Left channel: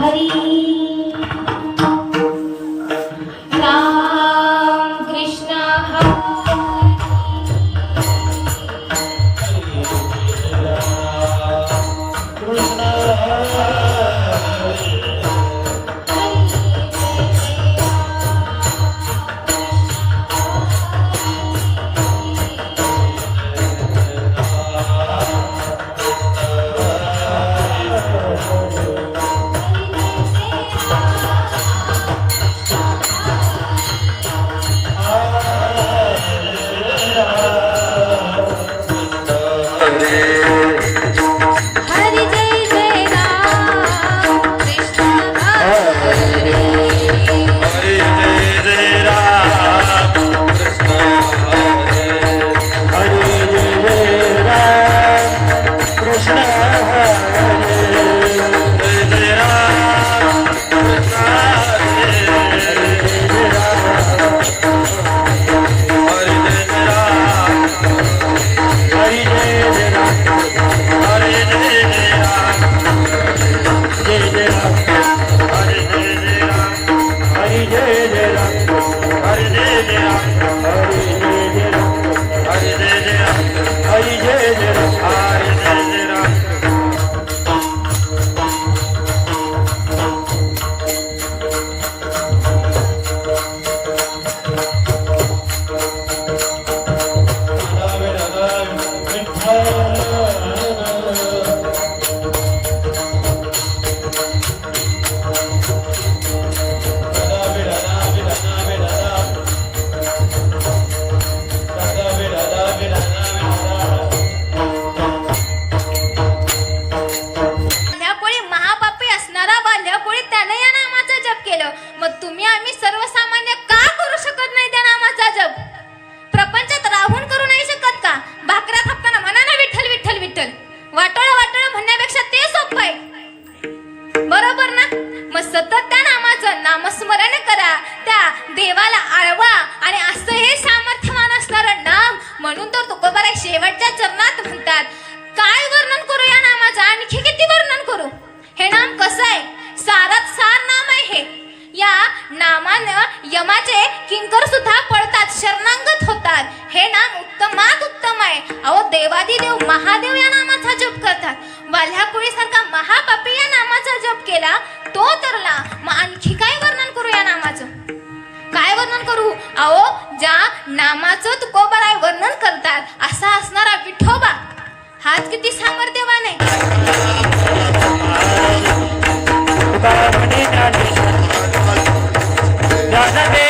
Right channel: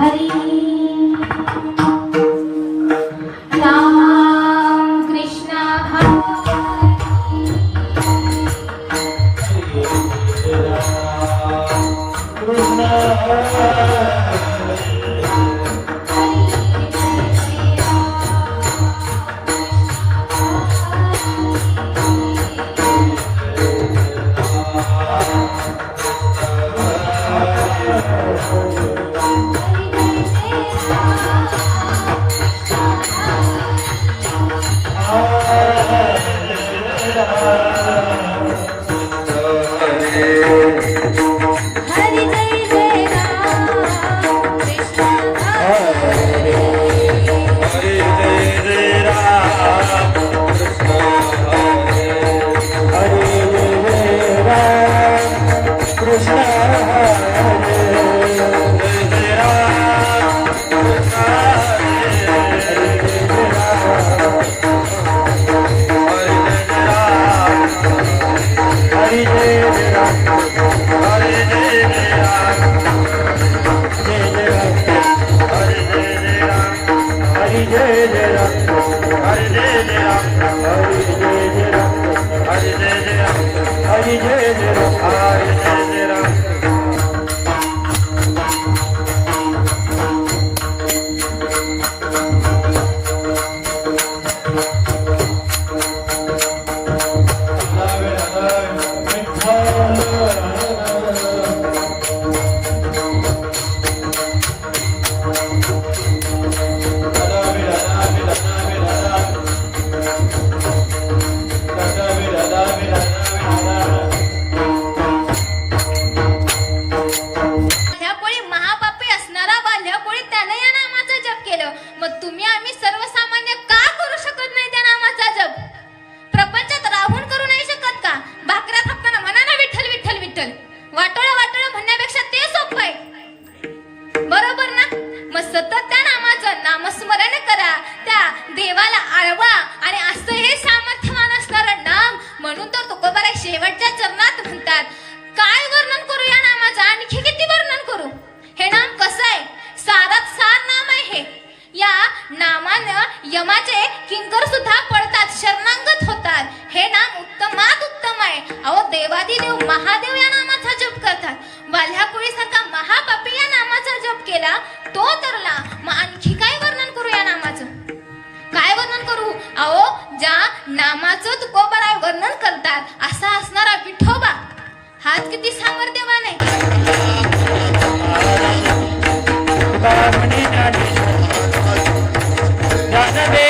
Hari. Hallelujah. हरे जय मग तुम्ही आम्ही सर्वसामान्य का करू शकत नाही त्या नामाचा जप? प्रपंचात राहून करू नाही शकत का? भाकऱ्या थापताना म्हणा ना विठ्ठल विठ्ठल विठ्ठल. वाटोळ वाटोळ म्हणण्यापेक्षा ते सोपं आहे. बरोबर ना? मग सतत त्या नामाचं नामस्मरण करा. त्या देवाला आळवा आणि असं हे सामर्थ्यवान असणारं नाम म्हणून तर तुकोबाराय शेवटच्या चरणात म्हणतात. काय वर्णन करू या नामाचं? आणखी किती वर्णन करू? हे नाम कसं आहे? सारात या नामानं यमाचे किंकर सुद्धा पळतात शरणांगत होतात. हे नाम उत्तमात उत्तम आहे. अहो देवादिदेव महादेव या नामाचा जप करतात. वाल्हाकुळी सारखा महापापी या नामाचा जप केला तो तरला मग आणखी काय वर्णन करू या नामाचं? काय वर्णन करू? अहो ज्या नामाचं तुकोबाराय वर्णन करतात असा असणारा विठोबा. हाच किती सामर्थ्यवान आहे. ஆகவே